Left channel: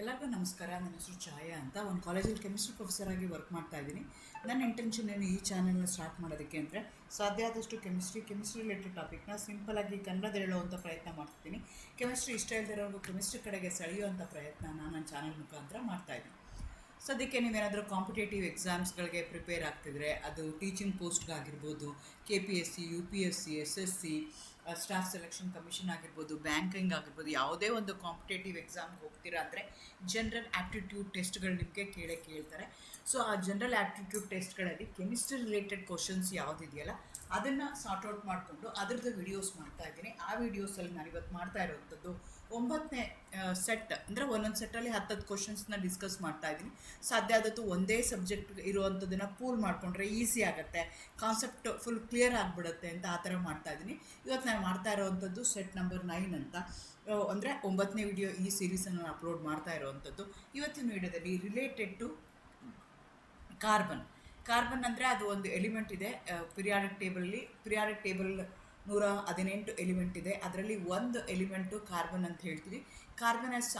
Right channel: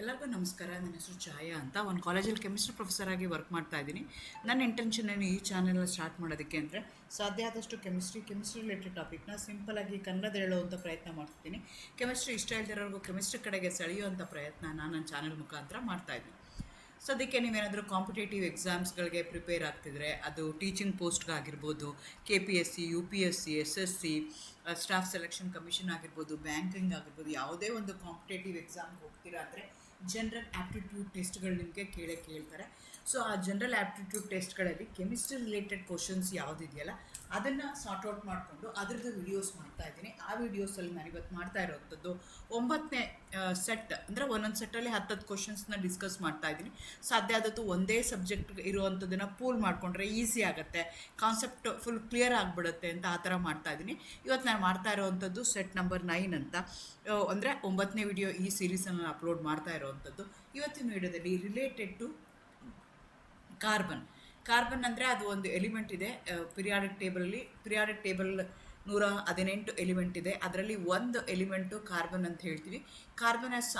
ಎಲ್ಲರಿಗೂ ನಮಸ್ಕಾರ. ನನ್ನ ಹೆಸರು ಛಾಯಾ ಅಂತ. ಒಂದು ಕಾಲೇಜಲ್ಲಿ ಕೆಮಿಸ್ಟ್ರಿ ಪ್ರೊಫೆಸರ್ ಆಗಿ ವರ್ಕ್ ಮಾಡ್ತಾ ಇದ್ದೀನಿ. ನನ್ನ ಇಂಟೆನ್ಷನ್ ಏನು ಈ ಚಾನೆಲ್ನ ಸ್ಟಾರ್ಟ್ ಮಾಡೋದಕ್ಕೆ ಅಂದರೆ ಸಾಧ್ಯ ಆದಷ್ಟು ಕೆಮಿಸ್ಟ್ರಿ ರಿಲೇಟೆಡ್ ಟಾಪಿಕ್ನ ಸಿಂಪಲಾಗಿ ಕನ್ನಡದಲ್ಲಿ ಹೇಳುವಂಥ ಪ್ರಯತ್ನ ಮಾಡ್ತಿದ್ದೀನಿ. ಕೆಮಿಸ್ಟ್ರಿ ಇಷ್ಟ ಇಲ್ದಿರೋರ್ಗೂ ಕೆಮಿಸ್ಟ್ರಿ ಕಡೆಗೆ ಸೆಳೆಯುವಂಥ ಪ್ರಯತ್ನ ನಾನು ನನ್ನ ಚಾನಲ್ ಮುಖಾಂತರ ಮಾಡ್ತಾಯಿದ್ದೀನಿ. ಸದ್ಯಕ್ಕೆ ನೀವೇನಾದರೂ ಕಾಂಪಿಟೇಟಿವ್ ಎಕ್ಸಾಮ್ಸ್ಗಳಿಗೆ ಪ್ರಿಪೇರ್ ಆಗ್ತಿದ್ರೆ, ಅದು ಟೀಚಿಂಗ್ ಪೋಸ್ಟ್ಗಾಗಿರ್ಬೋದು, KPSC, UPSC, SSC, staff selection commission ಆಗಿರ್ಬೋದು, ಬ್ಯಾಂಕಿಂಗ್ ಆಗಿರ್ಬೋದು, ಯಾವುದೇ ಒಂದು ಕಾಂಪಿಟೇಟಿವ್ ಎಕ್ಸಾಮ್ಗೆ ಹೋಗ್ತೀರಾ ಅಂದರೆ ಜನರಲ್ ಆ್ಯಪ್ಟಿಟ್ಯೂಡ್ ಟೆಸ್ಟ್ಗಳು ನಿಮಗೆ ಕೇಳ್ತಾರೆ. ಸೊ ಆ ಜನರಲ್ ಆ್ಯಪ್ಟಿಟ್ಯೂಡ್ ಟೆಸ್ಟ್ಗಳಲ್ಲಿ ಕೆಮಿಸ್ಟ್ರಿ ರಿಲೇಟೆಡ್ ಕ್ವಶನ್ಸ್ ಯಾವುದಿದೆಯಲ್ಲ ಅದನ್ನು ಸಾರ್ಟ್ ಔಟ್ ಮಾಡಿಕೊಂಡು ಅದರದ್ದು ವಿಡಿಯೋಸ್ ಮಾಡ್ತಾ ಇದ್ದೀನಿ. ಆ ವಿಡಿಯೋಸಲ್ಲಿ ನಾನು ಇವತ್ತು ಮಾಡ್ತಾ ಇರೋವಂಥದ್ದು 9ನೇ ಸೆಟ್, ಅಂದರೆ ಒಂದೊಂದು ಸೆಟ್ಟಲ್ಲಿ 10 ಕ್ವಶನ್ಸ್ನ ಡಿಸ್ಕಸ್ ಮಾಡ್ತಾ ಇದ್ದೀನಿ. ಸಾಧ್ಯ ಆದದ್ದು ಒಂದೇ ಸಬ್ಜೆಕ್ಟ್ ಇರುವಂಥದ್ದನ್ನು ಪೂಲ್ ಮಾಡಿಕೊಂಡ್ರೆ ಈಸಿ ಆಗುತ್ತೆ, ಕಾನ್ಸೆಪ್ಟ್ ಫುಲ್ ಕ್ಲಿಯರ್ ಆಗಿಬಿಡುತ್ತೆ ಅಂತ ಆ ಥರ ಮಾಡ್ತಾ ಇದ್ದೀನಿ. ಇವತ್ತು ನಾನು ಮಾಡ್ತಾ ಇರೋವಂಥದ್ದು ಸೆಟ್ ನಂಬರ್ 9 ಅಂತ, ಅಂದರೆ 9ನೇ ವಿಡಿಯೋ ಈ ಸೀರೀಸನ್ನು ನಾನು ಅಪ್ಲೋಡ್ ಮಾಡ್ತಾ ಇರೋವಂಥದ್ದು. ಇವತ್ತಿನ ವಿಡಿಯೋದಲ್ಲಿ ರಿಲೇಟೆಡ್ ಟು ಕಾರ್ಬನ್ ಅಂದರೆ ಅದು ಒಂದು ಎಲಿಮೆಂಟ್ ಇದೆ ಪಿರಿಯಾಡಿಕ್ ಟೇಬಲ್ 118 ಎಲಿಮೆಂಟ್ ಇದೆ. ಅದರಲ್ಲಿ ಒಂದು ಎಲಿಮೆಂಟು ಕಾರ್ಬನ್ ಅಂತ ಹೇಳ್ತೀವಿ. Carbon has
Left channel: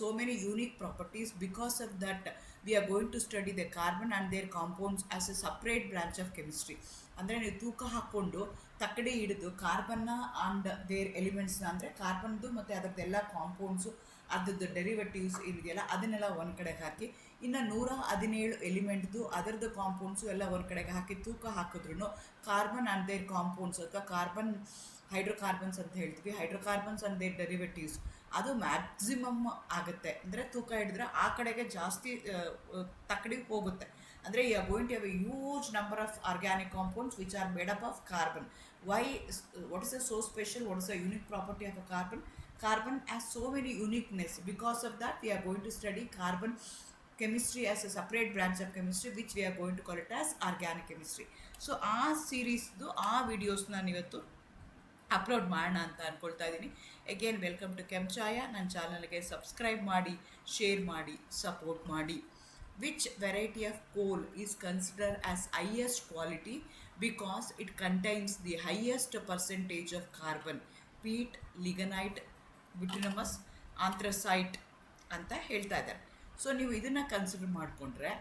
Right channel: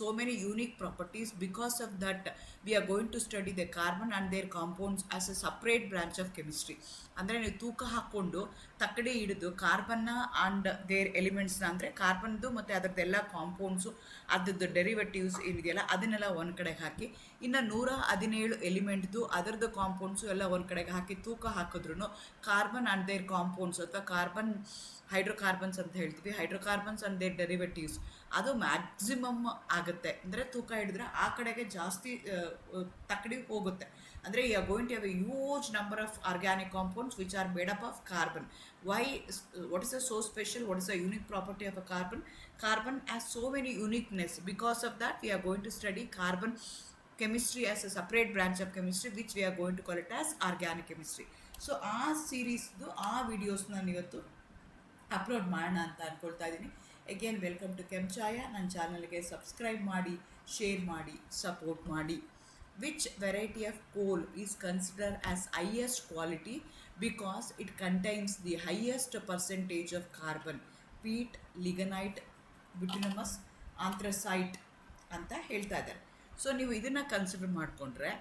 so many unique properties. Because of that we are going to study the carbon and their compounds as a separate branch of chemistry. ಅಂದರೆ ನೀವು ತೂಕ ಹಾಕ್ಕೊಂಡು ತಕ್ಕಡಿ ಹಿಡಿದು ಕಾರ್ಬನ್ನ ಆ್ಯಂಡ್ ದೇರ್ ಎಲಿಮೆಂಟ್ಸ್ನ, ಅಂದರೆ ಕಾರ್ಬನ್ದು ಮತ್ತು ಅದರದ್ದೆಲ್ಲ ಕಾಂಪೌಂಡ್ಸು, ಅದರದ್ದು ಡೆರಿವೇಟಿವ್ಸ್ ಏನಿದೆಯಲ್ಲ ಅದನ್ನೆಲ್ಲ ಒಂದು ಕಡೆಗೆ ಹಾಕಿ, ಇನ್ನು 117 ಎಲಿಮೆಂಟ್ದು ಅದರದ್ದು ಕಾಂಪೌಂಡ್ಸು ಎಲ್ಲ ಒಂದು ಕಡೆಗೆ ಹಾಕಿ ತೂಕ ಹಾಕಿದ್ರೂ ಕಾರ್ಬನ್ ಆ್ಯಂಡ್ ದೇರ್ ಕಾಂಪೌಂಡ್ಸ್ ಅಥವಾ ಹೈಡ್ರೋಕಾರ್ಬನ್ಸ್ ಅಂತ ಹೇಳ್ತೀವಿ, ಹೈಡ್ರೋಕಾರ್ಬನ್ಸ್ ಆ್ಯಂಡ್ ದೇರ್ ಡೆರಿವೇಟಿವ್ಸ್, ಅದು ಮ್ಯಾಕ್ಸಿಮಮ್ ಆಗುತ್ತೆ. ಅಂದರೆ ತೂಕ ಹಿಡಿದ್ರೆ ಆ ಕಡೆಗೆ ಜಾಸ್ತಿ ತಕ್ಕಡಿ ಹೋಗುತ್ತೆ. ಅಂದರೆ you are going to have a huge number of organic compounds which are made up of carbon. What is so special? What is the unique property of a carbon? Carbon has so many uniqueness. Because of that, we are going to study carbon chemistry as a separate branch of chemistry, which we are going to call it as organic chemistry. So ಆ ಸೀರೀಸ್ದು ಆ ವಿಡಿಯೋಸ್ನ ಇವತ್ತು upload ಮಾಡೋಣ ಅಂತ ಅಂದ್ಕೊಳ್ತಾ ಇದ್ದೀನಿ. Again welcome to Kenchaya. ನನ್ನ ಚಾನಲ್ಗೆ subscribe ಮಾಡಿ, ಶೇರ್ ಮಾಡಿ, ಸಪೋರ್ಟ್ ಮಾಡಿ. Which variety of coal is considered as highest quality because it contains the highest percentage of carbon? Peat, lignite, bituminous, anthracite ಅಂತ ಹೇಳ್ತಾ ಇದ್ದಾರೆ. ಸೊ ನೀವು ಇದನ್ನು ಕನ್ಸಿಡರ್ ಮಾಡಿಕೊಂಡ್ರೆ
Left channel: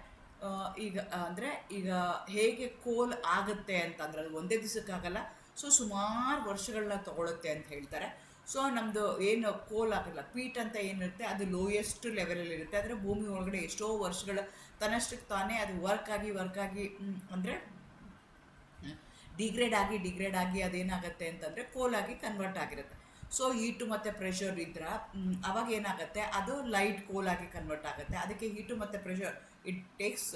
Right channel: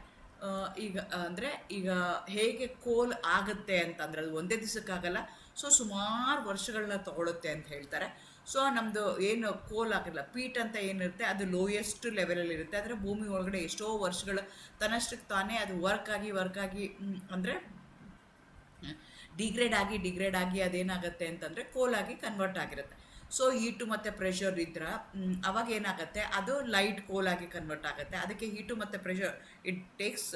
ಈಗ ಹೇಗೆ ಕೋಲ್ ಆಗುತ್ತೆ ಅಂತಂದರೆ ಅದು ಒಂದೇ ದಿವಸಕ್ಕಾಗಲ್ಲ. ಸೊ ಸುಮಾರು ವರ್ಷಗಳನ್ನ ತೊಗೊಳುತ್ತೆ ಅಂತ ಹೇಳ್ತಾರೆ. ಸೊ ನಮ್ಮದು ಏನು ಕೋಲ್ ಆಗಿಲ್ಲ, ಪೀಟ್ ಅಂತ ಏನಿರುತ್ತೆ ಅದು ಲೋಯೆಸ್ಟ್ ಲೆವೆಲಲ್ಲಿ ಇರುತ್ತೆ. ಆದರೆ ಭೂಮಿ ಒಳಗಡೆ ಎಷ್ಟೋ ವರ್ಷಗಳ ತನ್ನಷ್ಟಕ್ಕೆ ತಾನೇ ಅದು ವರ್ಕ್ ಆಗಿ ಅಂದರೆ ಡಿಗ್ರೇಡ್ ಆಗಿ ಅದೇನಾಗುತ್ತೆ ಅಂತಂದರೆ ಕೋಲಾಗಿ ಕನ್ವರ್ಟ್ ಆಗಿರುತ್ತೆ. ಸೊ ಹೀಟು ಮತ್ತು ಪ್ರೆಷರ್ ಇದ್ರೆ ಅವಾಗ ಏನಾಗುತ್ತೆ, ಅದು ಲೈಟ್ ಕೋಲಾಗಿ ಕನ್ವರ್ಟ್ ಆಗುತ್ತೆ. ಅದಕ್ಕೆ ಹೀಟು ಮತ್ತು pressure it takes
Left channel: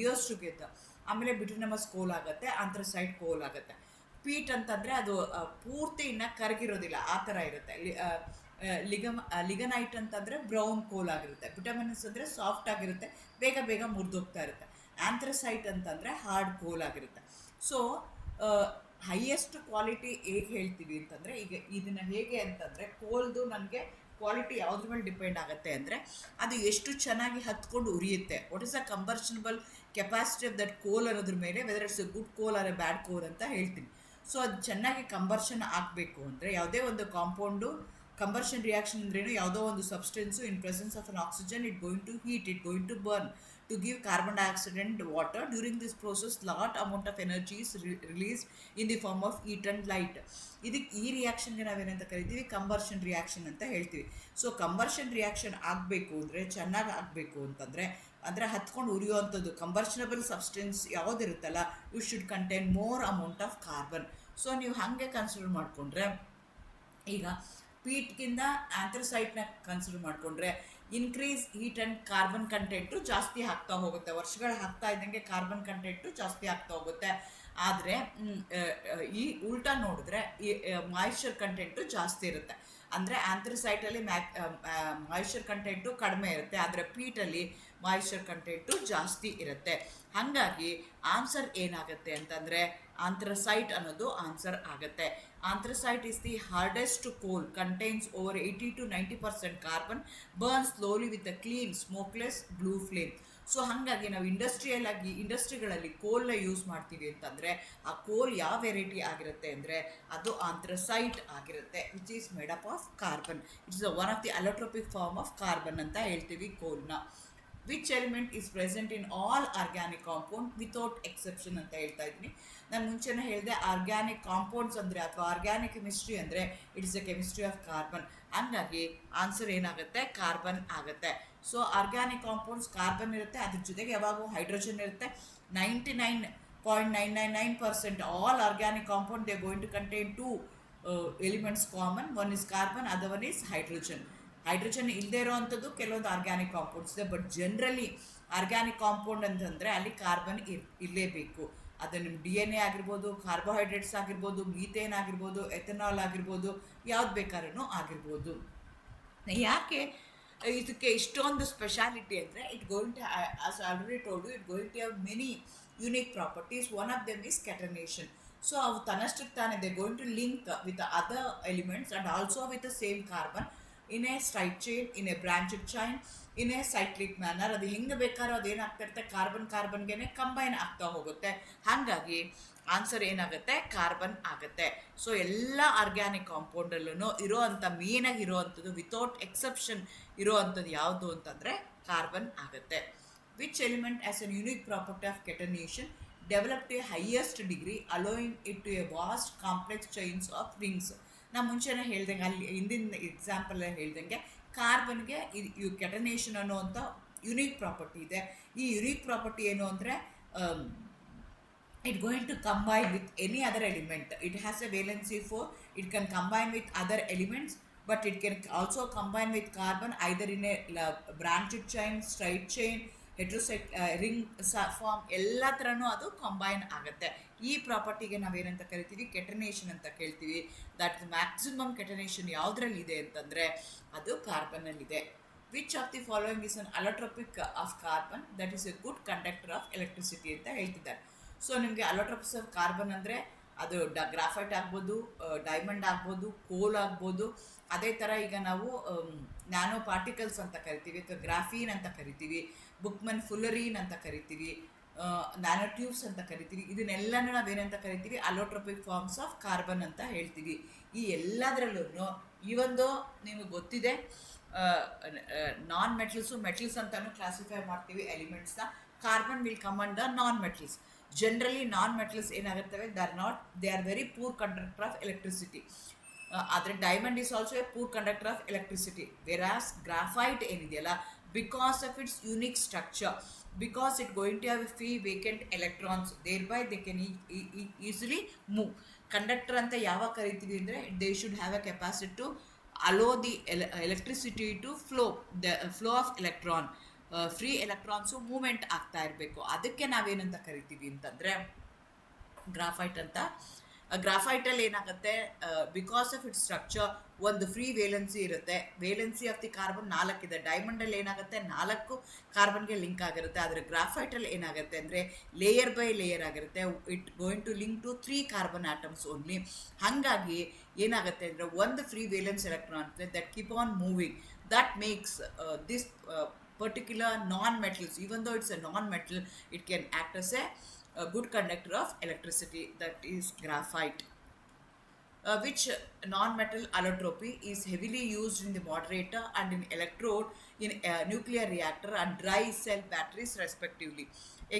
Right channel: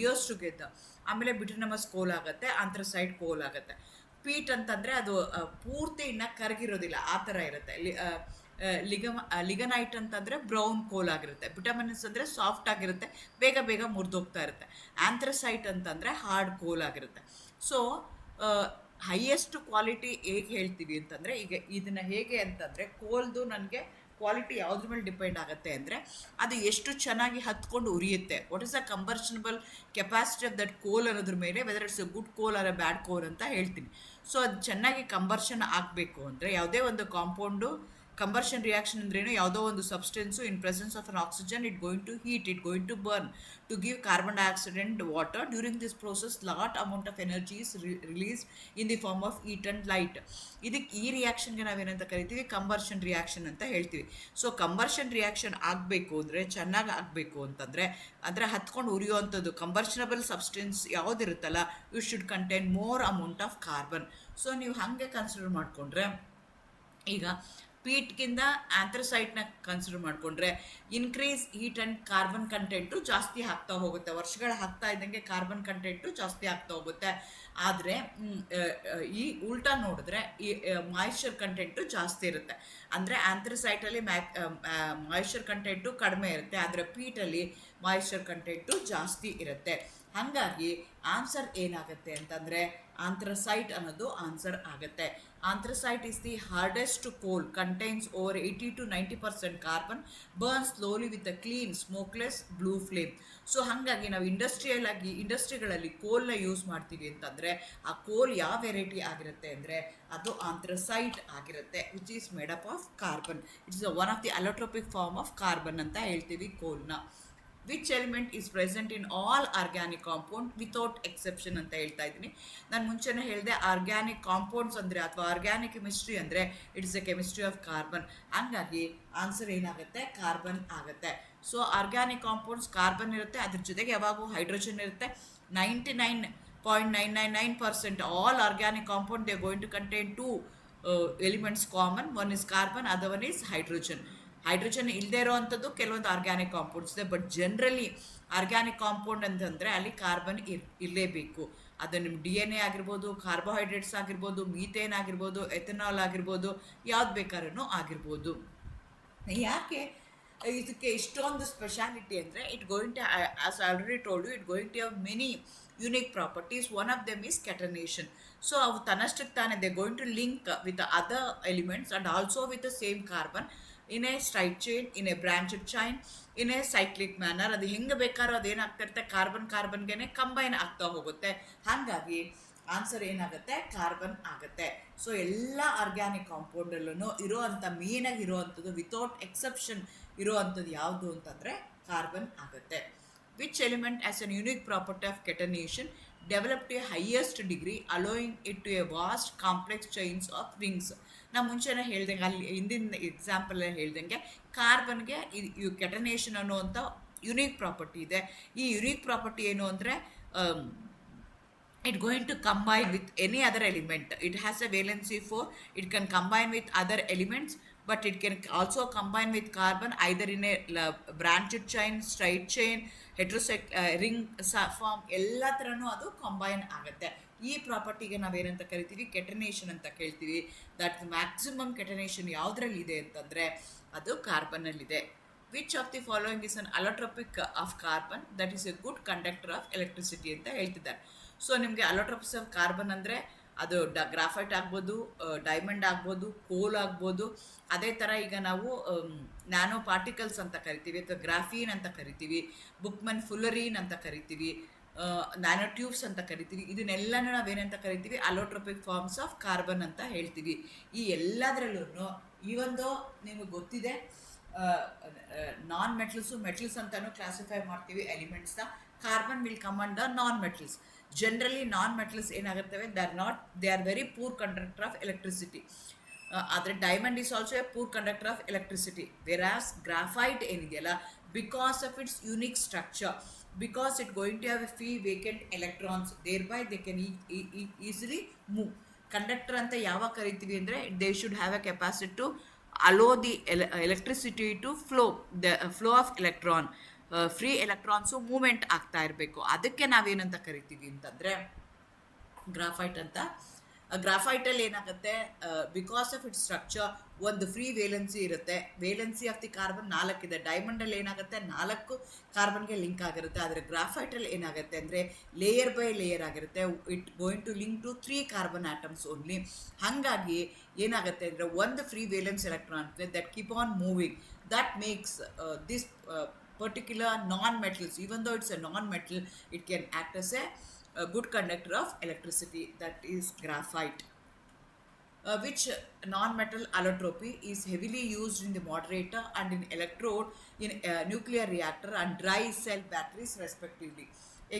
years together. ಆಮೇಲೆ ಬಿಟ್ಯುಮಿನಸ್ ಕೋಲ್ ಆಗುತ್ತೆ, ಆಂಥ್ರಸೈಟ್ ಕೋಲ್ ಆಗುತ್ತೆ. ಪೀಟ್ ಅಂತಂದರೆ ಅದು ಪೂರ್ತಿ ಇನ್ನೂ ಕರಗಿರೋದಿಲ್ಲ, ಆ ಥರ ಇರುತ್ತೆ. ಲಿಗನೈಟ್ ಅಂತಂದರೆ ಬ್ರೌನ್ ಕೋಲ್ ಆಗಿರುತ್ತೆ. ಬಿಟಮಿನಸ್ ಅಂದರೆ ಸಾಫ್ಟ್ ಆಗಿರುತ್ತೆ, ಬೇಗ ಮುರಿದೋಗ್ತಾ ಇರುತ್ತೆ. ಆಂಥ್ರಸೈಟ್ ಅಂತಂದರೆ ಹಾರ್ಡ್ ಕೋಲ್ ಆಗಿರುತ್ತೆ. ಸೊ ಹೈಯೆಸ್ಟ್ ಕ್ವಾಲಿಟಿ ಹೇಗೆ ಹೇಳ್ತೀವಿ ಅಂತಂದರೆ, ಈಗ ಇದನ್ನು ಹೇಗೆ ಅಂತಂದರೆ ಕೋಲ್ದು ನನಗೆ ಕ್ವಾಲಿಟಿ ಯಾವುದ್ರ ಮೇಲೆ ಡಿಪೆಂಡ್ ಆಗುತ್ತೆ ಅಂದರೆ ಅದು ಎಷ್ಟು ಚೆನ್ನಾಗಿ ಹತ್ಕೊಂಡು ಉರಿಯುತ್ತೆ. What is the combustible capacity of that coal ಅನ್ನೋದ್ರ ಮೇಲೆ, whether it's a good coal or a bad coal ಅಂತ ಹೇಳ್ತೀನಿ. ಸೊ ಅದು ಚೆನ್ನಾಗಿ ಕಂಬರ್ಷನ್ ಆಗಬೇಕು ಅಂದರೆ ಯಾವುದೇ ಒಂದು ಕಾಂಪೌಂಡು ಕಂಬರ್ಷನ್ ರಿಯಾಕ್ಷನ್ ಅಂದ್ರೇನು, ಯಾವುದೋ ಒಂದು substance in presence of an oxygen it going to heat, it going to burn to give carbon dioxide and water. During this process lot amount of energy is release in the form of heat and light. ಈ ರಿಯಾಕ್ಷನ್ಗೆ ನಾವೇನಂತ ಕರಿತೀವಿ, combustion reaction ಅಂತ ಹೇಳ್ತೀವಿ. So combustion reaction ಆಗಬೇಕು ಅಂದರೆ, ಚೆನ್ನಾಗಿ ಆಗಬೇಕು ಅಂತಂದರೆ, ಅಂದರೆ ಹತ್ಕೊಂಡು ಉರಿಯುವಂಥದ್ದು ಕಂಬರ್ಷನಬಲ್ ಸಬ್ಸ್ಟೆನ್ಸ್ ಯಾವುದಿರುತ್ತಲ್ಲ, you should contain more amount of carbon. So ನೀವು ಹಾಗೆ ಕನ್ಸಿಡರ್ ಮಾಡಿಕೊಂಡ್ರೆ, ಈಗ ಪೀಟ್ಗಿಂತ ಆಂಥ್ರಸೈಟ್ನ ಕನ್ಸಿಡರ್ ಮಾಡಿಕೊಂಡ್ರೆ increase heat and carbon content ಜಾಸ್ತಿ ಆಗ್ತಾ ಹೋಗುತ್ತೆ. ವರ್ಷಗಳು ಆಗ್ತಾ ಇದ್ದಂಗೆ ಕಾರ್ಬನ್ ಕಂಟೆಂಟು ಜಾಸ್ತಿ ಆಗ್ತಾ ಹೋಗುತ್ತೆ. ಆದರೆ ಈ ಉಲ್ಟಾ ನೋಡಿದ್ರೆ ಈ ಮಾಯಿಶ್ಚರ್ ಕಂಟೆಂಟು ಜಾಸ್ತಿ ಇರುತ್ತೆ. ಅಂದರೆ ಆಂಥ್ರಸೈಟಲ್ಲಿ ಮಾಯಿಶ್ಚರ್ ಕಂಟೆಂಟು ಕಡಿಮೆ ಇರುತ್ತೆ, ಆದರೆ ಪೀಟಲ್ಲಿ ಮಾಯಿಶ್ಚರ್ ಕಂಟೆಂಟು ಜಾಸ್ತಿ ಇರುತ್ತೆ. ಹಾಗಾಗಿ ಆನ್ಸರ್ ಏನಾಗುತ್ತೆ ಅಂತಂದರೆ ಆಂಥ್ರಸೈಟ್ ಅನ್ನೋದು ಆನ್ಸರ್ ಆಗುತ್ತೆ. Anthracite is the hardest coal, contains over 80 to 90% carbon, burn slowly with a clean smokeless blue flame. So ಹಾಗಾಗಿ ನಾವು ಇಂಡಸ್ಟ್ರಿಗಳಲ್ಲಿ ಕೋಲ್ನ ಯೂಸ್ ಮಾಡ್ತೀವಿ ಅಂತಂದರೆ ಅಂತಂದರೆ ಆ ಕೋಲ್ ಯಾವ ವೆರೈಟಿ ಆಗಿರುತ್ತೆ ಅಂದರೆ ಅದು ಆಂಥ್ರಸೈಟ್ ಆಗಿರುತ್ತೆ, which is made up of carbon. It's one of the allotropic form of carbon ಅಂತ ಹೇಳ್ತೀವಿ ಕೋಲ್ನ. Which element is present in all organic compound without exception ಅಂತ ಹೇಳ್ತಾ ಇದ್ದೀನಿ. ನಾನು ಮುಂಚೆನೇ ಹೇಳಿದೆ ಆರ್ಗ್ಯಾನಿಕ್ ಕಾಂಪೌಂಡ್ಸ್ ಅಂದರೆ ಅಥವಾ ಆರ್ಗ್ಯಾನಿಕ್ ಕೆಮಿಸ್ಟ್ರಿ ಅಂದರೆ it's a chemistry of carbon. ಹಂಗಾಗಿ ಆನ್ಸರ್ ಏನಾಗುತ್ತೆ, ಕಾರ್ಬನ್ ಆಗುತ್ತೆ. ಸೊ ಆರ್ಗ್ಯಾನಿಕ್ ಕಾಂಪೌಂಡ್ಸ್ ಕಾರ್ಬನ್ ಇರುತ್ತೆ, ಅದ್ರ ಜೊತೆಗೆ ಯಾವಾಗೂ ಹೈಡ್ರೋಜನ್ ಇರುತ್ತೆ. 99.999% all organic compound they going to contain two elements common. One is carbon, other one is hydrogen. Hydrogen ಇಲ್ಲದೆ ಇರೋವಂಥದ್ದು ಕೆಲವೊಂದು ಆರ್ಗ್ಯಾನಿಕ್ ಕಾಂಪೌಂಡ್ಸ್ ಇದೆ, ಬಟ್ ಜನರಲಿ ಆರ್ಗ್ಯಾನಿಕ್ ಕಾಂಪೌಂಡ್ ಅಂತಂದರೆ ಅಲ್ಲಿ ಕಾರ್ಬನ್ ಇರಲೇಬೇಕು. ಅದು ನಿಮ್ಮ DNA ಆಗಿರ್ಬೋದು, ಕಾರ್ಬೋಹೈಡ್ರೇಟ್ಸ್ ಆಗಿರ್ಬೋದು, ಮೀಥೇನ್ ಆಗಿರ್ಬೋದು, ಎಥೆನಾಲ್ ಆಗಿರ್ಬೋದು, ಯಾವ್ದು ಬೇಕಾದ್ರೂ ಆಗಿರ್ಬೋದು. ಯಾಕೆ ಇದಕ್ಕೆ ಇಷ್ಟೊಂದು ಸ್ಪೆಷಾಲಿಟಿ ಅಂದರೆ it going to, as already told you, it going to have many unique properties. One of them is catenation. So ಅವು ತನ್ನಷ್ಟಕ್ಕೆ ತಾನೇ they going to link with other elements and also with the same carbon in a straight chain, in a branched chain, in a cyclic manner. ಅದು ಹೆಂಗೆ ಬೇಕಾದ್ರೂ ಅದೇನಾಗ್ತಾ ಇರುತ್ತೆ, ಕಾರ್ಬನ್ಗೆ combine ಆಗ್ತಾ ಹೋಗುತ್ತೆ. ಹಾಗಾಗಿ ಆನ್ಸರ್ ಏನಾಗುತ್ತೆ, ಕಾರ್ಬನ್ ಆಗುತ್ತೆ. ಸೊ ಎಲ್ಲ ಆರ್ಗ್ಯಾನಿಕ್ ಕಾಂಪೌಂಡಲ್ಲೂ ಇರೋವಂಥ ಮೇನಾಗಿ ಇರೋವಂಥದ್ದು ವಿತೌಟ್ ಎಕ್ಸೆಪ್ಷನ್ ಇರೋವಂಥದ್ದು ಯಾವುದು ಅಂತಂದರೆ ಕಾರ್ಬನ್ ಆಗುತ್ತೆ. Which element as an unique property of catenation develop to a highest degree allowing it to a vast complex chains of rings. ನಾವು ಮುಂಚೆನೇ ಹೇಳ್ದಂಗೆ, ಅಲ್ಲಿ ಹಿಂದಿನ ಎಕ್ಸಾಂಪಲ್ ಹೇಳ್ದಂಗೆ ಕಾರ್ಬನ್ಗೆ ಇದು ಕೆಟನೇಷನ್ ಅನ್ನುವಂಥ ಯುನೀಕ್ ಪ್ರಾಪರ್ಟಿ ಇದೆ. ಈ ಯುನೀಕ್ ಪ್ರಾಪರ್ಟಿ ಏನು ಅಂದರೆ it going to combine with any other element. It has a valency 4. It can combine with other elements, but it can also combine with carbon either in a branched chain, straight chain, ring form, ಎಲ್ಲ ಥರನೂ ಅದು combine ಆಗುತ್ತೆ. ಈ ಪ್ರಾಪರ್ಟಿಗೆ ನಾವೇನಂತ ಕರಿತೀವಿ, ಕೆಟನೇಷನ್ ಅಂತ ಕೇಳ್ತೀವಿ. That maximum ಕೆಟನೇಷನ್ ಯಾವುದ್ರಲ್ಲಿದೆ ಅಂತಂದರೆ ಅದು ಕಾರ್ಬನ್ನಲ್ಲಿದೆ. Which of the following is an allotropic of carbon that is a good conductor of electricity ಅಂತ ಹೇಳ್ತಿದ್ದಾರೆ. ಸೊ ನಿಮಗೆ ಅಲೋಟ್ರೋಪಿಕ್ಸ್ ಆಫ್ ಕಾರ್ಬನ್ ಅಂದರೆ ಅದು ಗ್ರಾಫೈಟ್ ಆಗ್ಬೋದು, ಡೈಮಂಡ್ ಆಗ್ಬೋದು, ಕೋಲ್ ಆಗ್ಬೋದು. ಅದೇ ಥರ ಈಗ ನಾವು ನ್ಯಾನೋ ಪಾರ್ಟಿಕಲ್ಸ್ ಅಂತ ಕರಿತೀವಿ, ಅಥವಾ ಗ್ರಾಫೀನ್ ಅಂತ ಕರಿತೀವಿ, ಬುಕ್ಮನ್ ಫುಲ್ಲರೀನ್ ಅಂತ ಕರಿತೀವಿ, ನ್ಯಾನೋ ಟ್ಯೂಬ್ಸ್ ಅಂತ ಕರಿತೀವಿ. ಇದನ್ನೆಲ್ಲನೂ ನಾವೇನಂತ ಕರಿತೀವಿ, ಅಲೋಟ್ರೋಪಿಕ್ ಫಾರ್ಮ್ಸ್ ಆಫ್ ಕಾರ್ಬನ್ ಅಂತ ಹೇಳ್ತೀವಿ. ಈ ಎಲ್ಲದರಲ್ಲೂ ಇವೊಂದು ನಿಮಗೆ ಗೊತ್ತಿದೆ, ನಾನ್ ಮೆಟಲ್ಸು ಮೆಟಲ್ಸ್ ಅಂತಲೂ ಕ್ಲಾಸಿಫೈ ಮಾಡ್ತೀವಿ ಎಲಿಮೆಂಟ್ಸ್ನ. Carbon will come under non metals. Generally non metals ಏನಾಗಿರ್ತವೆ, they are very poor conductor of electricity. ಆದರೆ diamond is also a poor conductor of electricity. Whereas graphite ಏನಿದೆಯಲ್ಲ, because of its unique structure, because it going to have a free vacant electrons, thereby they can easily move. Conductor ಅಂತ ಯಾವಾಗ ಕರಿತೀವಿ ಅಂದರೆ they should have a capacity to allow the electricity to flow of electron. Free electrons movement ಆಗ್ತಾ ಇರಬೇಕು. ಅದಕ್ಕೆ ನಾವೇನಂತ ಕರಿತೀವಿ ಅಂತಂದರೆ ಗ್ರಾಫೈಟ್ ಅಂತ. ಗ್ರಾಫೈಟಲ್ಲಿ ಏನಾಗುತ್ತೆ, ಬಿಕಾಸ್ ಆಫ್ ಇಟ್ಸ್ ಸ್ಟ್ರಕ್ಚರ್ ಒಂದು ಫ್ರೀ ವೇಲೆನ್ಸಿ ಇರುತ್ತೆ. ವೇಲೆನ್ಸಿ ಆಫ್ ದಿ ಕಾರ್ಬನ್ 4 ಇದೆ. ಡೈಮಂಡಲ್ಲಿ ಏನಾಗುತ್ತೆ, 4 ಕಾರ್ಬನ್ಗೆ ಲಿಂಕ್ ಆಗಿರುತ್ತೆ. ಆದರೆ ಗ್ರಾಫೈಟಲ್ಲಿ ಏನಾಗುತ್ತೆ ಅಂದರೆ ಲೇಯರ್ ಬೈ ಲೇಯರ್ ಆಗಿರುತ್ತೆ. It going to link to 3 carbon atoms only. ಹಾಗಾಗಿ ಏನಾಗುತ್ತೆ ಅಂದರೆ ಒಂದು free valence electron that keep on moving, that makes this particular non-metals, even though it's a non-metal, it can act as a good conductor of electricity, that is graphite. Which non-metal allotropy is heavily used in the moderator and in electrode in nuclear reactor and dry cell batteries respectively.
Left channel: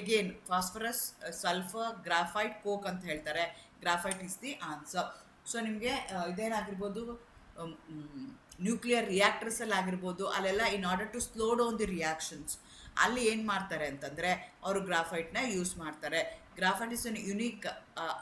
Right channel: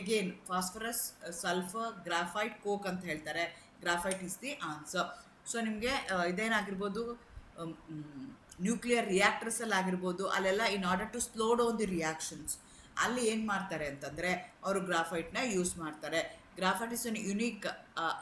Again, phosphorus, sulfur, graphite, coke ಅಂತ ಹೇಳ್ತಾರೆ. Graphite is the answer. So ನಿಮಗೆ ಇದೇನಾಗಿರ್ಬೋದು, nuclear ರಿಯಾಕ್ಟರ್ಸಲ್ಲಿ ಆಗಿರ್ಬೋದು, ಅಲ್ಲೆಲ್ಲ in order to slow down the reactions, ಅಲ್ಲಿ ಏನು ಮಾಡ್ತಾರೆ ಅಂತಂದರೆ ಅವರು ಗ್ರಾಫೈಟ್ನ ಯೂಸ್ ಮಾಡ್ತಾರೆ. Graphite is an unique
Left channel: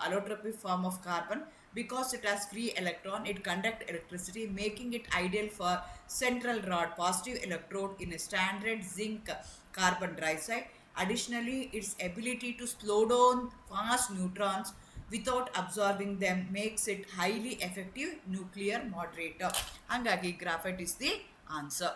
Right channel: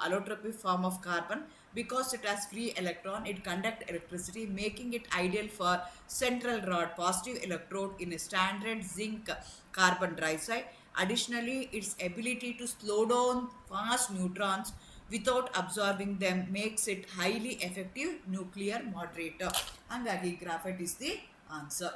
allotropic form of carbon because it has free electron, it conduct electricity, making it ideal for central rod positive electrode in a standard zinc carbon dioxide. Additionally, its ability to slow down fast neutrons without absorbing them makes it highly effective nuclear moderator. Hangagi graphite is the answer.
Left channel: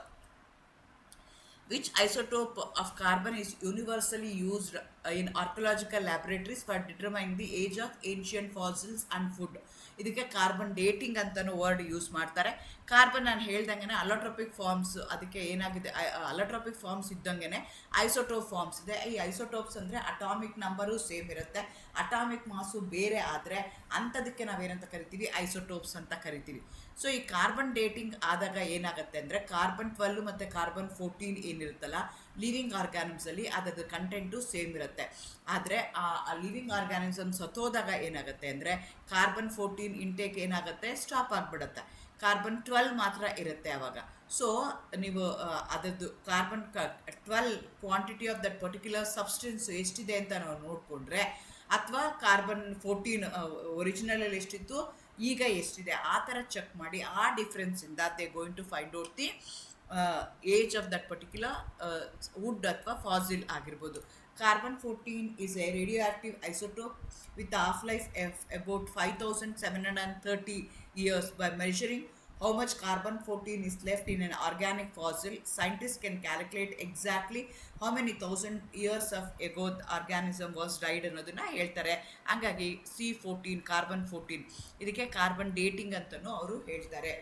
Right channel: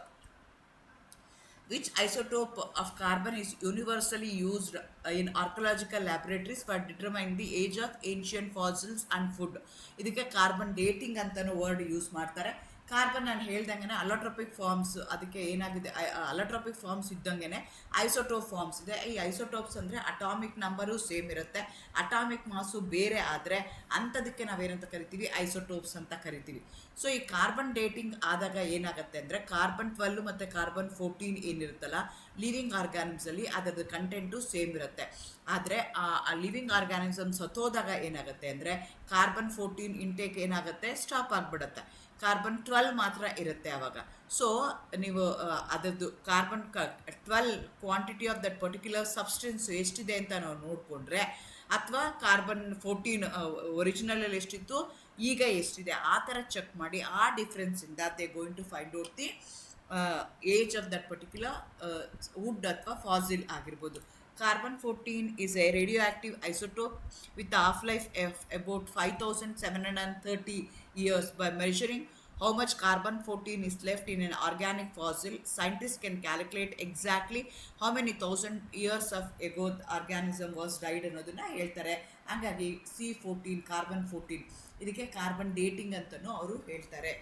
Which isotope of carbon is universally used in archaeological laboratories for determine the age of ancient fossils and food. ಇದಕ್ಕೆ carbon dating ಅಂತಲೂ word use ಮಾಡ್ತಾರೆ. Carbon ನಾನು ಹೇಳ್ದಂಗೆ allotropic forms, ಅದಕ್ಕೆ ಏನಾಗಿದೆ allotropic forms ಇದ್ದಂಗೆ isotope forms ಇದೆ. ಈ ಐಸೋಟೋಪ್ಸ್ ಅಂದರೆ ಅಟಾಮಿಕ್ ನಂಬರು ಸೇಮ್ ಇರುತ್ತೆ, ಅಟಾಮಿಕ್ ಮಾಸು ಬೇರೆ ಆದರೆ ಅಂಥದಕ್ಕೆ ನಾವೇನಂತ ಕರಿತೀವಿ, ಐಸೋಟೋಪ್ಸ್ ಅಂತ ಕರಿತೀವಿ. ಸೊ ಈ ಕಾರ್ಬನ್ ಡೇಟಿಂಗ್ ಆದಾಗ ಏನಾಗುತ್ತೆ ಅಂದರೆ ಕಾರ್ಬನ್ 12 ಮತ್ತು ಕಾರ್ಬನ್ 14 ಏನಿರುತ್ತಲ್ಲ ಲಿವಿಂಗ್ ಆರ್ಗ್ಯಾನಿಮ್ಸಲ್ಲಿ ಅದರದ್ದು ಕಂಟೆಂಟು ಸೇಮ್ ಇರುತ್ತೆ. ಆದರೆ ಆ ಲಿವಿಂಗ್ ಆರ್ಗ್ಯಾನಿಸಮ್ ಸತ್ತೋದಾಗ ಏನಾಗುತ್ತೆ ಅಂದರೆ ಕಾರ್ಬನ್ 14 ಇಂಟೇಕ್ ಏನಾಗುತ್ತೆ, ಸ್ಟಾಪ್ ಆಗಿಬಿಡುತ್ತೆ. ಕಾರ್ಬನ್ 12 ಮಾತ್ರ ಇರುತ್ತೆ ಆವಾಗ. ಸೊ ನೀವು ಅದರದ್ದು carbon 12 quantity of that particular substance ಎಷ್ಟಿದೆ ಅಂತ ನಾವು ನೋಡಿಕೊಂಡ್ರೆ, ಅಥವಾ ಕಾರ್ಬನ್ 14 ಒರಿಜಿನಲಲ್ಲಿ ಎಷ್ಟಿತ್ತು ಈಗ ಎಷ್ಟಿದೆ ಆ ಥರ ಚೆಕ್ ಮಾಡಿ ಆ ಡಿಫ್ರೆನ್ಸಿಂದ they going to find out the age of that particular wood ಅಥವಾ ಫಾಸಿಲ್ ಆಗಿರ್ಬೋದು. Carbon 14 is a radioactive isotope with a half-life of about 5,730 years. By measuring how much carbon 14 is left in an organic fossil, scientists can calculate exactly how many thousand years of ago the organism was died ಅನ್ನೋದನ್ನ ಹೇಳ್ತಾರೆ. ಹಾಗಾಗಿ C14 carbon 14 ಇದಕ್ಕೆ carbon dating ಅಂತಲೂ ಅವರು ಹೇಳ್ತಾರೆ.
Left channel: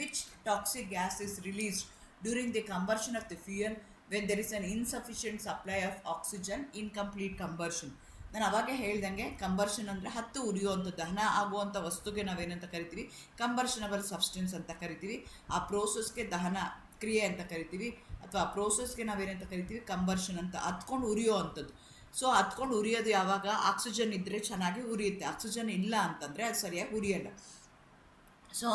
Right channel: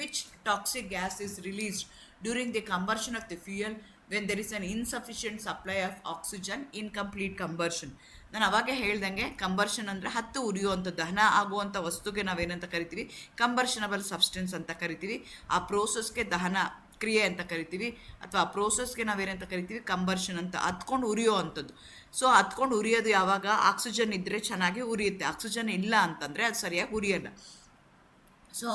Which toxic gas is released during the combustion of the fuel when there is an insufficient supply of oxygen in complete combustion? ನಾನು ಅವಾಗೆ ಹೇಳ್ದಂಗೆ ಕಂಬರ್ಷನ್ ಅಂದರೆ ಹತ್ತು ಉರಿಯುವಂಥ ದಹನ ಆಗುವಂಥ ವಸ್ತುಗೆ ನಾವೇನಂತ ಕರಿತೀವಿ, ಕಂಬರ್ಷನಬಲ್ ಸಬ್ಸ್ಟೆನ್ಸ್ ಅಂತ ಕರಿತೀವಿ. ಆ ಪ್ರೋಸೆಸ್ಗೆ ದಹನ ಕ್ರಿಯೆ ಅಂತ ಕರಿತೀವಿ, ಅಥವಾ ಆ ಪ್ರೋಸೆಸ್ಗೆ ನಾವೇನಂತ ಕರಿತೀವಿ, ಕಂಬರ್ಷನ್ ಅಂತ. ಹತ್ಕೊಂಡು ಉರಿಯೋ ಅಂಥದ್ದು. ಸೊ ಹತ್ಕೊಂಡು ಉರಿಯೋದು ಯಾವಾಗ, ಆಕ್ಸಿಜನ್ ಇದ್ದರೆ ಚೆನ್ನಾಗಿ ಉರಿಯುತ್ತೆ, ಆಕ್ಸಿಜನ್ ಇಲ್ಲ ಅಂತಂದರೆ ಅದು ಸರಿಯಾಗಿ ಉರಿಯಲ್ಲ. ಸೊ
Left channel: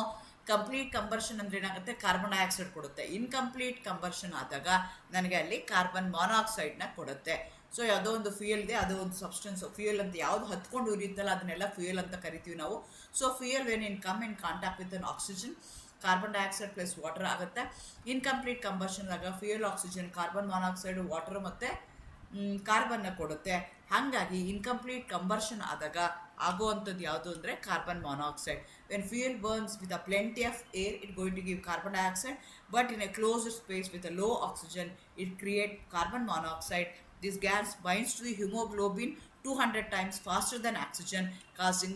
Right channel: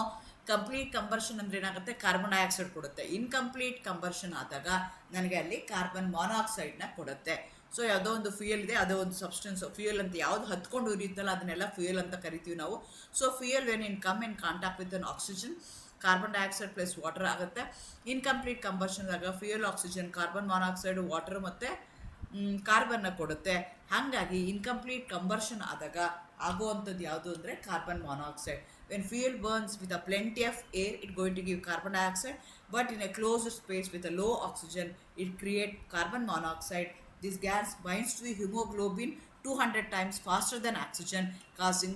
ಕಂಪ್ಲೀಟ್ ಕಂಬರ್ಷನ್ ಅಂದರೆ ಏನಾಗುತ್ತೆ, ಕಾರ್ಬನ್ ಡೈಆಕ್ಸೈಡ್ ಕೊಡುತ್ತೆ. ಇನ್ಕಂಪ್ಲೀಟ್ ಕಂಬರ್ಷನ್ ಆದಾಗ ನನಗೆ ಅಲ್ಲಿ ಕಾರ್ಬನ್ ಮಾನಾಕ್ಸೈಡ್ನ ಕೊಡುತ್ತೆ. ಸೊ ಯಾವುದೋ ಒಂದು ಫ್ಯೂಯಲ್ ಇದೆ, ಅದೋ ಒಂದು ಸಬ್ಸ್ಟೆನ್ಸ್ ಫ್ಯೂಯಲ್ ಅಂತ ಯಾವುದು ಹತ್ಕೊಂಡು ಉರಿಯುತ್ತಲ್ಲ ಅದನ್ನೆಲ್ಲ ಫ್ಯೂಯಲ್ ಅಂತ ಕರಿತೀವಿ ನಾವು. So fuel when in come in contact with an oxygen, carbon dioxide plus water ಆಗುತ್ತೆ. ಇನ್ಕಂಪ್ಲೀಟ್ ಕಂಬರ್ಷನ್ ಆಗ fuel, oxygen, carbon monoxide, water ಮತ್ತು ಕಾರ್ಬನ್ನ ಕೊಡುತ್ತೆ. ಹಾಗಾಗಿ ಇನ್ಕಂಪ್ಲೀಟ್ ಕಂಬರ್ಷನ್ ಆದಾಗ ಆಗುವಂಥದ್ದು ಯಾವುದು ಅಂದರೆ carbon monoxide. When fuel burns with a plenty of air it going to give carbon dioxide, but in a closed space with a low oxygen it create carbon monoxide. This gas binds to the hemoglobin 200 times faster than oxygen, causing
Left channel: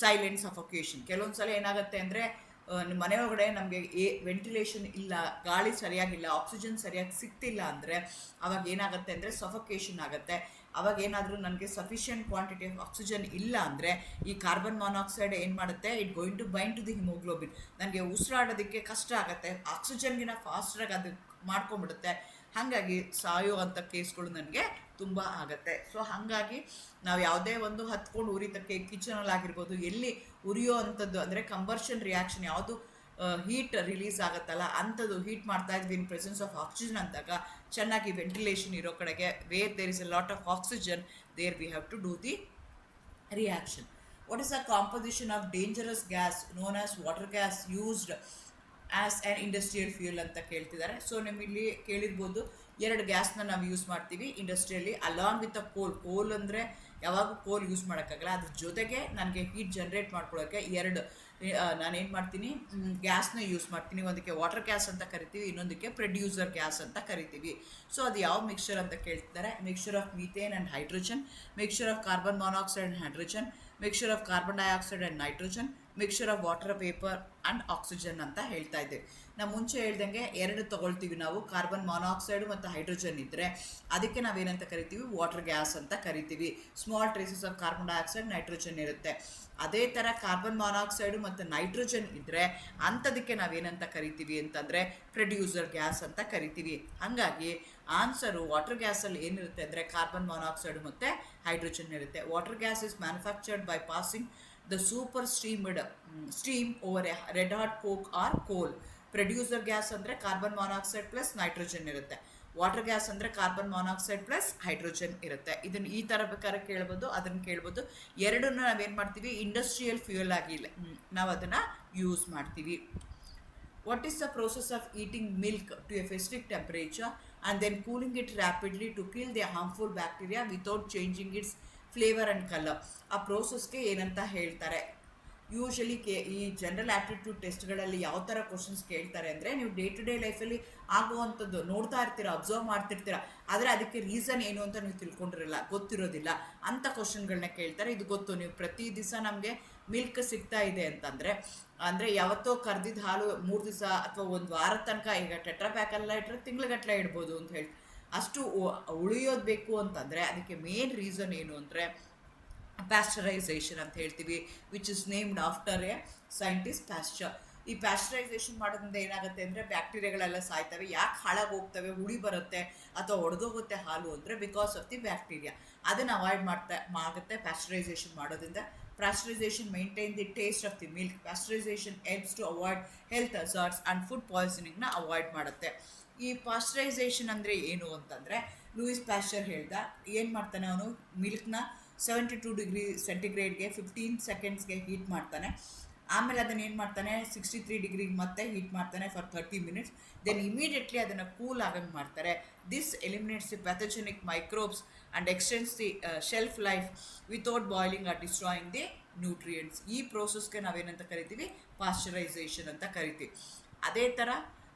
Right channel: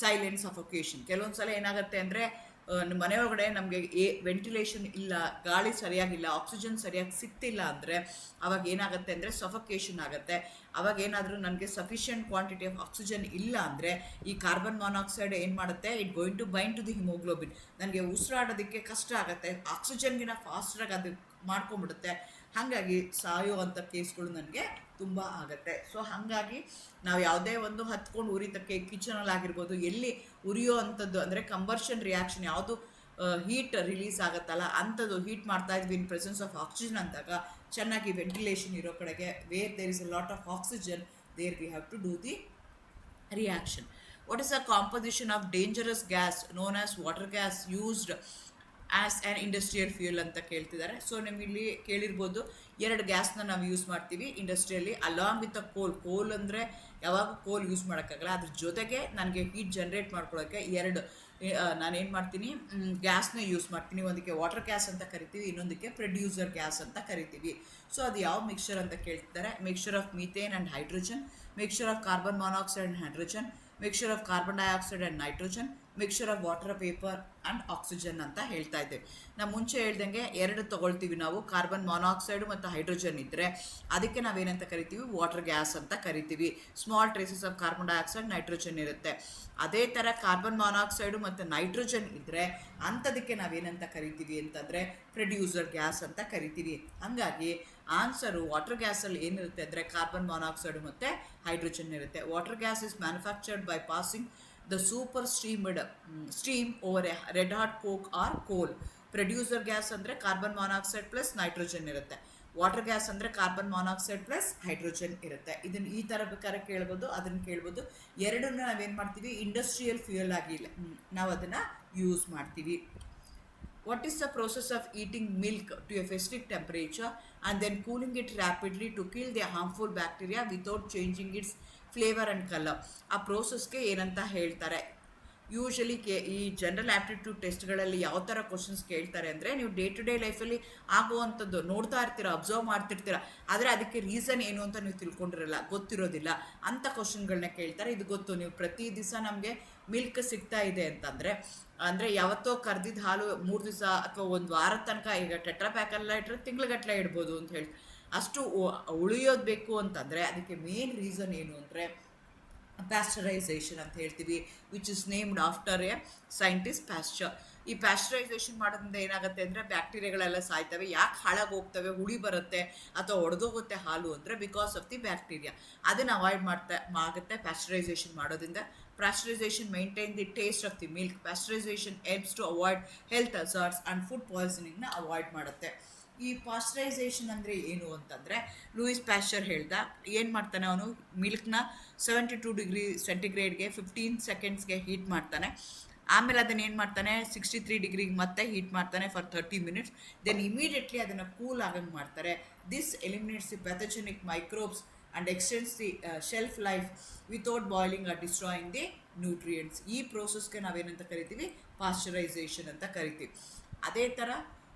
silent suffocation. ಕೆಲವೊಂದು ಸಲ ಏನಾಗುತ್ತೆ ಅಂದರೆ ಮನೆ ಒಳಗಡೆ ನಮಗೆ ventilation ಇಲ್ಲ, ಗಾಳಿ ಸರಿಯಾಗಿಲ್ಲ, ಆಕ್ಸಿಜನ್ ಸರಿಯಾಗಿ ಸಿಗ್ತಿಲ್ಲ ಅಂದರೆ ಅವಾಗ ಏನಾಗುತ್ತೆ ಅಂದರೆ ಸಫೋಕೇಷನ್ ಆಗುತ್ತೆ. ಅವಾಗ ಏನಾದರೂ ನನಗೆ ಸಫಿಷಿಯೆಂಟ್ ಕ್ವಾಂಟಿಟಿ ಆಫ್ ಆಕ್ಸಿಜನ್ ಇಲ್ಲ ಅಂದರೆ ಈ ಕಾರ್ಬನ್ ಮಾನಾಕ್ಸೈಡ್ ಏನು ಮಾಡುತ್ತೆ, it going to bind to the haemoglobin. ನನಗೆ ಉಸಿರಾಡೋದಕ್ಕೆ ಕಷ್ಟ ಆಗುತ್ತೆ, ಆಕ್ಸಿಜನ್ಗಿನ ಫಾಸ್ಟಾಗಿ ಅದು ಮಾಡ್ಕೊಂಬಿಡುತ್ತೆ. ಹಾಗಾಗಿ ಸಾಯುವಂಥ ಕೇಸ್ಗಳು ನನಗೆ ತುಂಬ ಆಗುತ್ತೆ. ಸೊ ಹಾಗಾಗಿ ನಾವು ಯಾವುದೇ ಒಂದು ಹತ್ಕೊಂಡು ಉರಿತಕ್ಕೆ ಕಿಚನಲ್ಲಿ ಆಗಿರ್ಬೋದು, ಎಲ್ಲಿ ಉರಿಯೋ ಅಂಥದ್ದು ಅಂದರೆ ಕಂಬರ್ಷನ್ ರಿಯಾಕ್ಷನ್ ಯಾವುದು ಹೀಟ್ ರಿಲೀಸ್ ಆಗುತ್ತಲ್ಲ ಅಂಥದ್ದು ಹೀಟ್ ಮಾಡ್ತಾ ಇದ್ವಿ ಇನ್ ಪ್ರೆಸೆನ್ಸ್ ಆಫ್ ಆಕ್ಸಿಜನ್ ಅಂದಾಗ ಚೆನ್ನಾಗಿ ವೆಂಟಿಲೇಷನ್ ಇರೋ ಕಡೆಗೆ, where there is a lot of oxygen, there we have to do the reaction. What is the composition of dangerous gas known as water gas used as an industrial fuel ಅಂತ ಕೇಳ್ತಿದ್ದಾರೆ. So ನಿಮ್ಮಲ್ಲಿ ಕೇಳಿರ್ಬೋದು, ಎರಡು ಗ್ಯಾಸ್ನ ನಾವು use ಮಾಡ್ತೀವಿ ಇಂಡಸ್ಟ್ರಿಯಲ್ಲಿ along with a ಕೋಲ್ ಅಂದರೆ ಯಾವಾಗೂ ಕೋಲ್ ಯೂಸ್ ಮಾಡೋಕ್ಕಾಗಲ್ಲ, ಅದ್ರ ಜೊತೆಗೆ ನನಗೆ ಹೀಟ್ ಜನ್ರೇಟ್ ಮಾಡ್ಕೊಳ್ಳೋಕ್ಕೆ ಎರಡು ನಾನೇನು ಮಾಡ್ತೀನಿ, ಗ್ಯಾಸ್ನ ಯೂಸ್ ಮಾಡ್ತೀನಿ. ಒಂದಕ್ಕೆ ವಾಟರ್ ಗ್ಯಾಸ್ ಅಂತ ಕರಿತೀವಿ, ಇನ್ನೊಂದಕ್ಕೆ ಪ್ರೊಡ್ಯೂಸರ್ ಗ್ಯಾಸ್ ಅಂತ ಕರಿತೀವಿ. ಸೊ ಅದು ಯಾವ ಮಿಕ್ಸ್ಚರ್ ಅಂತ ಕೇಳ್ತಿದ್ದಾರೆ, mixture of methane and hydrogen, mixture of carbon monoxide and hydrogen, mixture of carbon dioxide and nitrogen, mixture of water vapour and oxygen ಅಂತ ಹೇಳ್ತಾ ಇದ್ದೇವೆ. ನಾವು ಮುಂಚೆ ಹೇಳ್ದಂಗೆ ಎರಡು ತೊಗೊಳ್ತೀವಿ ನಾವು, ಕಾರ್ಬನ್ ಮಾನಾಕ್ಸೈಡು ಮತ್ತು ಹೈಡ್ರೋಜನ್ ಇದ್ದರೆ ಅದಕ್ಕೆ ನಾವೇನಂತ ಕರಿತೀವಿ, ವಾಟರ್ ಗ್ಯಾಸ್ ಅಂತ ಕರಿತೀವಿ. Small traces of carbon dioxide, nitrogen ಇರುತ್ತೆ. ಅದೇ ಥರ ಕಾರ್ಬನ್ ಮಾನಾಕ್ಸೈಡು ಮತ್ತು ನೈಟ್ರೋಜನ್ ಇದ್ದರೆ ಅಂಥದಕ್ಕೆ ನಾವೇನಂತ ಕರಿತೀವಿ ಅಂತಂದರೆ ಪ್ರೊಡ್ಯೂಸರ್ ಗ್ಯಾಸ್ ಅಂತ ಕರಿತೀವಿ. ಹಾಗಾಗಿ ಆನ್ಸರು ವಾಟರ್ ಗ್ಯಾಸಲ್ಲಿ ಏನಿರುತ್ತೆ ಅಂದರೆ ಕಾರ್ಬನ್ ಮಾನಾಕ್ಸೈಡು ಮತ್ತು ಹೈಡ್ರೋಜನ್ ಇರುತ್ತೆ. Water gas is manufactured by passing the super steam over a red hot coke or coal. Producer gas ಅಂದರೆ ಕಾರ್ಬನ್ ಮಾನಾಕ್ಸೈಡ್ ಪ್ಲಸ್ ನೈಟ್ರೋಜನ್ ಇರುತ್ತೆ. ವಾಟರ್ ಗ್ಯಾಸ್ ಅಂದರೆ ಕಾರ್ಬನ್ ಮಾನಾಕ್ಸೈಡ್ ಪ್ಲಸ್ ಹೈಡ್ರೋಜನ್ ಇರುತ್ತೆ. ಇದನ್ನು ಈ ಥರ ಬೇಕಾದ್ರೆ ಕೇಳ್ಬೋದು, ಅದನ್ನು ಕೇಳ್ಬೋದು. ಎರಡನ್ನ ನಾವೇನು ಮಾಡ್ತೀವಿ, ಇಂಡಸ್ಟ್ರಿಯಲ್ ಫ್ಯೂಯಲ್ ಆಗಿಲ್ಲ ನಾವು ಅದನ್ನು ಯೂಸ್ ಮಾಡ್ತೀವಿ. What is the process of eating milk to a specific temperature and then cooling it rapidly to kill the harmful bacteria without changing its flavour and colour? ಆ ಪ್ರೋಸೆಸ್ಗೆ ಏನಂತ ಹೇಳ್ತಾರೆ? ಯೂಶಲಿ ಈ general aptitude ಟೆಸ್ಟ್ಗಳಲ್ಲಿ ಯಾವ ಥರ questions ಕೇಳ್ತಾರೆ ಅಂದರೆ, ನೀವು day to day ಲೈಫಲ್ಲಿ ಆಗುವಂಥದ್ದು ನೋಡ್ತಾ ಇರ್ತೀರ, ಅಬ್ಸರ್ವ್ ಮಾಡ್ತಿರ್ತೀರ, ಆದರೆ ಅದಕ್ಕೆ ರೀಸನ್ ಏನು ಅಂತ ನೀವು ತಿಳ್ಕೊಂಡಿರಲ್ಲ, ಗೊತ್ತಿರೋದಿಲ್ಲ ಅಂಥ ಕ್ವಶನ್ಗಳನ್ನ ಕೇಳ್ತಾರೆ. ಇದು ಗೊತ್ತು, ನೀವು ಪ್ರತಿ ದಿವಸ ನಮಗೆ ಮಿಲ್ಕ್ ಸಿಗ್ತಾ ಇದೆ ಅಂತಂದರೆ, ಅಂದರೆ ಯಾವತ್ತೋ ಕರ್ದಿದ್ದ ಹಾಲು 3 ದಿವಸ ಅಥವಾ ಒಂದು ವಾರದ ತನಕ, ಈಗ ಟೆಟ್ರಾ ಪ್ಯಾಕೆಲ್ಲ ಇಟ್ಟರೆ ತಿಂಗ್ಳುಗಟ್ಟಲೆ ಇಡ್ಬೋದು ಅಂತ ಹೇಳಿ, ಅಷ್ಟು ಉಳಿಯೋದು ಬೇಕು ಅಂತಂದರೆ ಅದಕ್ಕೆ ಮೇನ್ ರೀಸನ್ ಏನು ಅಂದರೆ ಪ್ಯಾಸ್ಚರೈಸೇಷನ್ ಅಂತ ಹೇಳ್ತೀವಿ, which is named after A scientist pastor. ಈ ಪ್ಯಾಸ್ಚರೈಸೇಷನ್ ಮಾಡೋದ್ರಿಂದ ಏನಾಗುತ್ತೆ ಅಂದರೆ ಬ್ಯಾಕ್ಟೀರಿಯಾಗಳೆಲ್ಲ ಸಾಯ್ತವೆ. ಯಾಕೆ ಹಾಳಾಗಿ ಹೋಗ್ತವೆ, ಹುಳಿ ಬರುತ್ತೆ ಅಥವಾ ಒಡೆದೋಗುತ್ತೆ ಹಾಲು ಅಂದರೆ ಬಿಕಾಸ್ ಆಫ್ ದಿ ಬ್ಯಾಕ್ಟೀರಿಯಾ. ಅದನ್ನು ಅವಾಯ್ಡ್ ಆಗುತ್ತೆ ಪ್ಯಾಸ್ಚರೈಸೇಷನ್ ಮಾಡೋದ್ರಿಂದ. Pasteurization maintain the taste of the milk. Pasteurization helps to avoid health hazards and food ಪಾಯ್ಸನಿಂಗ್ನ ಅವಾಯ್ಡ್ ಮಾಡುತ್ತೆ. ಈ ಪಾಶ್ಚರೈಸೇಷನ್ ಅಂದರೆ ಏನು ಅಂತಂದರೆ, ಲೂಯಿಸ್ ಪ್ಯಾಶ್ಚರ್ ಹೇಳ್ದ, ಏನು ಮಾಡ್ತಾನೆ ಅವನು, ಮಿಲ್ಕ್ನ 72 ಡಿಗ್ರಿ ಸೆಂಟಿಗ್ರೇಡ್ಗೆ 15 ಸೆಕೆಂಡ್ಸ್ಗೆ ಹೀಟ್ ಮಾಡ್ತಾನೆ. ಆಮೇಲೆ ಅದನ್ನು ಏನು ಮಾಡ್ತಾನೆ, 63 ಡಿಗ್ರಿಗೆ ಮತ್ತೆ ಹೀಟ್ ಮಾಡ್ತಾನೆ ಫಾರ್ 30 ಮಿನಿಟ್ಸ್. ದೆನ್ ಇಮಿಡಿಯೇಟ್ಲಿ ಅದನ್ನು ಕೂಲ್ ಆಗಂಗೆ ಮಾಡ್ತಾರೆ. This eliminates the pathogenic microbes and extends the shelf life without boiling or destroying the nutrients. ಈ ಪ್ರೋಸೆಸ್ಗೆ ನಾವೇನಂತ ಕರಿತೀವಿ, ಪಾಶ್ಚರೈಸೇಷನ್ ಅಂತ ಕರಿತೀವಿ. ಅದೇ ಥರ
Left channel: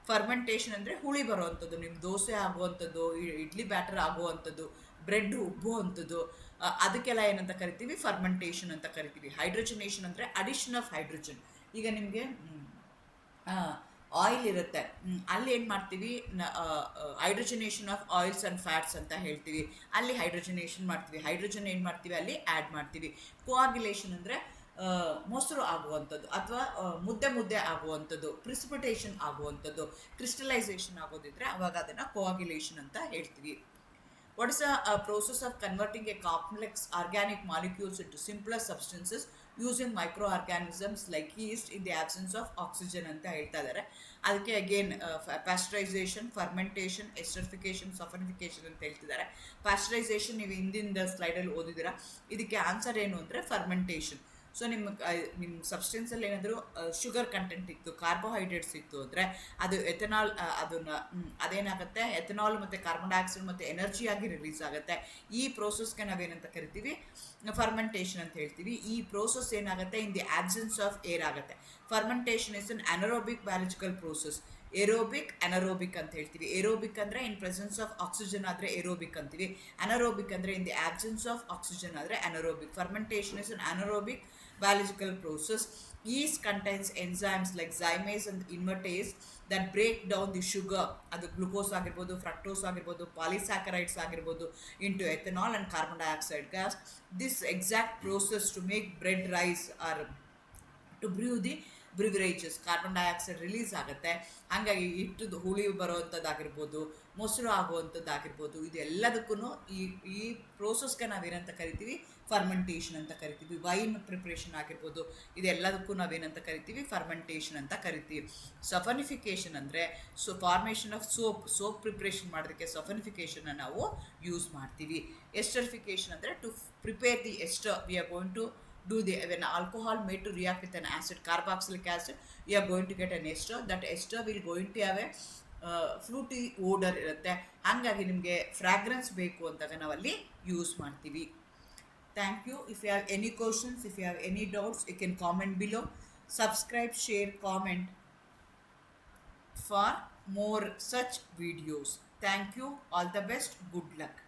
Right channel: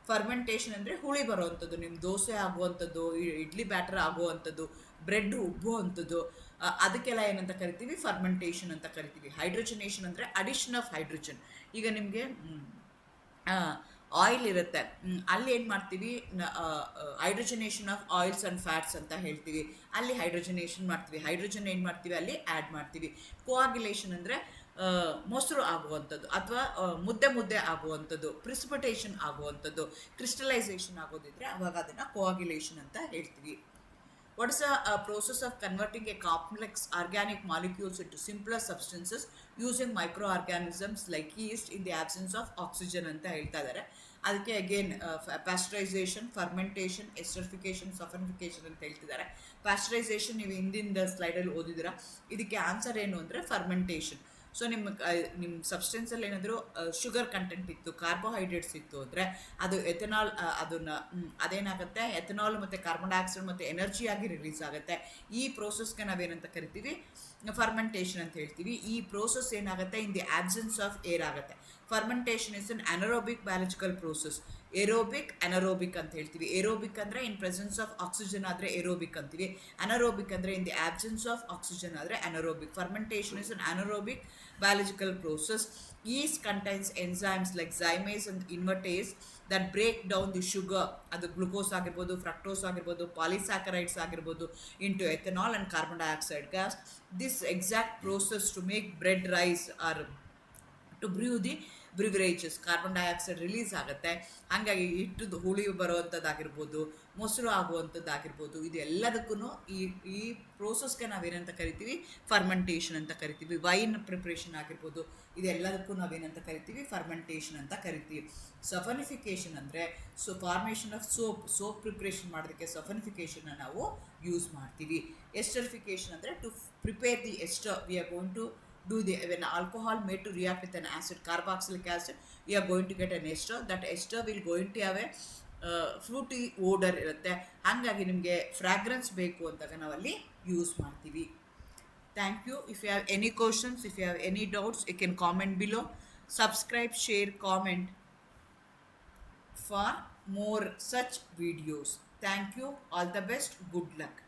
ಫರ್ಮೆಂಟೇಷನ್ ಅಂದರೆ ಹುಳಿ ಬರೋವಂಥದ್ದು, ನಿಮ್ಮ ದೋಸೆ ಆಗುವಂಥದ್ದು, ಇಡ್ಲಿ ಬ್ಯಾಟರ್ ಆಗುವಂಥದ್ದು, ಬ್ರೆಡ್ ಉಬ್ಬುವಂಥದ್ದು, ಅದಕ್ಕೆಲ್ಲ ಏನಂತ ಕರಿತೀವಿ, ಫರ್ಮೆಂಟೇಷನ್ ಅಂತ ಕರಿತೀವಿ. ಹೈಡ್ರೋಜನೇಷನ್ ಅಂದರೆ ಅಡಿಷನ್ ಆಫ್ ಹೈಡ್ರೋಜನ್. ಈಗ ನಿಮಗೆ ಆಯಿಲ್ ಇರುತ್ತೆ, ಅಲ್ಲಿ ಏನು ಮಾಡ್ತೀವಿ, ಹೈಡ್ರೋಜನೇಷನ್ ಆಫ್ ಆಯಿಲ್ಸ್ ಆ್ಯಂಡ್ ಫ್ಯಾಟ್ಸ್ ಅಂತ ಹೇಳ್ತೀವಿ, ಅಲ್ಲಿ ಹೈಡ್ರೋಜನೇಷನ್ ಮಾಡ್ತೀವಿ. ಹೈಡ್ರೋಜನ್ ಏನು ಮಾಡ್ತೀವಿ, ಅಲ್ಲಿ ಆ್ಯಡ್ ಮಾಡ್ತೀವಿ. ಕೋಆಗ್ಯುಲೇಷನ್ ಅಂದರೆ ಮೊಸರು ಆಗುವಂಥದ್ದು ಅಥವಾ ಮುದ್ದೆ ಆಗುವಂಥದ್ದು, ಪ್ರಿಸಿಪಿಟೇಷನ್ ಆಗುವಂಥದ್ದು, ಕ್ರಿಸ್ಟಲೈಸೇಷನ್ ಆಗೋದಿದ್ರೆ ಅವಾಗ ಅದನ್ನು ಕೋಆಗ್ಯುಲೇಷನ್ ಅಂತ ಹೇಳ್ತೀವಿ. What is a process of converting a complex organic molecules into simpler substances using microorganisms like yeast in the absence of oxygen ಅಂತ ಹೇಳ್ತಾ ಇದ್ದಾರೆ. ಅದಕ್ಕೆ ಅಗೇನ್ ಪ್ಯಾಸ್ಚರೈಸೇಷನ್, ಫರ್ಮೆಂಟೇಷನ್, ಎಸ್ಟರಿಫಿಕೇಷನ್, ಸಫನಿಫಿಕೇಷನ್ ಅಂತ ಹೇಳ್ತಿದ್ದಾರೆ. ಪ್ಯಾಸ್ಚರೈಸೇಷನ್ ನೀವು ಹಿಂದಿನ ಸ್ಲೈಡಲ್ಲಿ ಓದಿದ್ದೀರಾ. ಇದಕ್ಕೆ ಆನ್ಸರ್ ಏನು ಅಂದರೆ ಫರ್ಮೆಂಟೇಷನ್. ಸೊ ನಿಮ್ಮ ಸಬ್ಸ್ಟೆನ್ಸಲ್ಲಿ ಏನಾದರೂ ಶುಗರ್ ಕಂಟೆಂಟ್ ಇತ್ತು, ಕಾರ್ಬೋಹೈಡ್ರೇಟ್ಸ್ ಇತ್ತು ಅಂದರೆ ಅದು ಎಥೆನಾಲ್, ಅದೇನಾಗುತ್ತೆ, ಎಥೆನಾಲ್ ಮತ್ತು ಕಾರ್ಬನ್ ಡೈಆಕ್ಸೈಡ್ ಮತ್ತು ಎನರ್ಜಿಯಾಗಿ ರಿಲೀಸ್ ಆಗುತ್ತೆ. ಈ ಪ್ರೋಸೆಸ್ಗೆ ನಾವೇನಂತ ಕರಿತೀವಿ, ಫರ್ಮೆಂಟೇಷನ್ ಅಂತ ಹೇಳ್ತೀವಿ. ಈ ಪ್ರೋಸೆಸ್ ಏನಾಗುತ್ತೆ, in the absence of air ಆಗುತ್ತೆ. Fermentation is an anaerobic biological process. Aerobic, anaerobic ಅಂತ ಹೇಳ್ತೀವಿ. ಏರೋಬಿಕ್ ಅಂದರೆ ಇನ್ ಪ್ರೆಸೆನ್ಸ್ ಆಫ್ ಆಕ್ಸಿಜನ್ ಆದರೆ ಏರೋಬಿಕ್ ಅಂತೀವಿ. ಅನರೋಬಿಕ್ ಅಂದರೆ in the absence of oxygen ಆದರೆ anaerobic. Fermentation is an anaerobic biological process. Yeast contains enzymes like zymase and invertase that break down the sugar, ಅದು glucose ಆಗಿರ್ಬೋದು, fructose ಆಗಿರ್ಬೋದು, ಪಾಲಿಸ್ಯಾಕರೈಡ್ಸ್ ಆಗಿರ್ಬೋದು, into ethanol and carbon dioxide gas. This exact process to make bread rise or to brew the beverages, carbon dioxide release ಆಗುತ್ತೆ. ಹಾಗಾಗಿ ಹಿಟ್ಟದು ಹುಳಿ ಬರೋವಂಥದ್ದಾಗಿರ್ಬೋದು, ಮೊಸರು ಆಗುವಂಥದ್ದಾಗಿರ್ಬೋದು, ಇದು ಎಲ್ಲದಕ್ಕೂ ಈ ಪ್ರೋಸೆಸ್ಗೆ ನಾವೇನಂತ ಕರಿತೀವಿ, ಫರ್ಮೆಂಟೇಷನ್ ಅಂತ ಕರಿತೀವಿ. ವೈನ್ ಪ್ರಿಪ್ರೇಷನ್ ಆಗಿರ್ಬೋದು, ಇದೆಲ್ಲದಕ್ಕೂ ನಾವೇನಂತ ಕರಿತೀವಿ, ಫರ್ಮೆಂಟೇಷನ್ ಅಂತ ಕರಿತೀವಿ. ಸಫನಿಫಿಕೇಷನ್ ಅಂದರೆ ಫಾರ್ಮೇಷನ್ ಆಫ್ ಸೋಪ್ ಪ್ರಿಪ್ರೇಷನ್ ಮಾಡೋದಕ್ಕೆ ಸಫನಿಫಿಕೇಷನ್ನ ನಾವು ಯೂಸ್ ಮಾಡ್ತೀವಿ. ಎಸ್ಟರಿಫಿಕೇಷನ್ ಅಂದರೆ to prepare the ester, we are going to when alcohol made to react with an acid, carboxylic acid, you are going to get an ester. That ester will going to have a fruity odour ಇರುತ್ತೆ. ಹಾಗಾಗಿ ನಿಮಗೆ fragrance ಬೇಕು ಅಂದಾಗ ನಾವಲ್ಲಿ use ಮಾಡ್ತೀವಿ. Thank you. If you have any questions, if you have any doubts, you can comment below. Subscribe, share, comment for more such videos. Thank you. All the best. Good luck.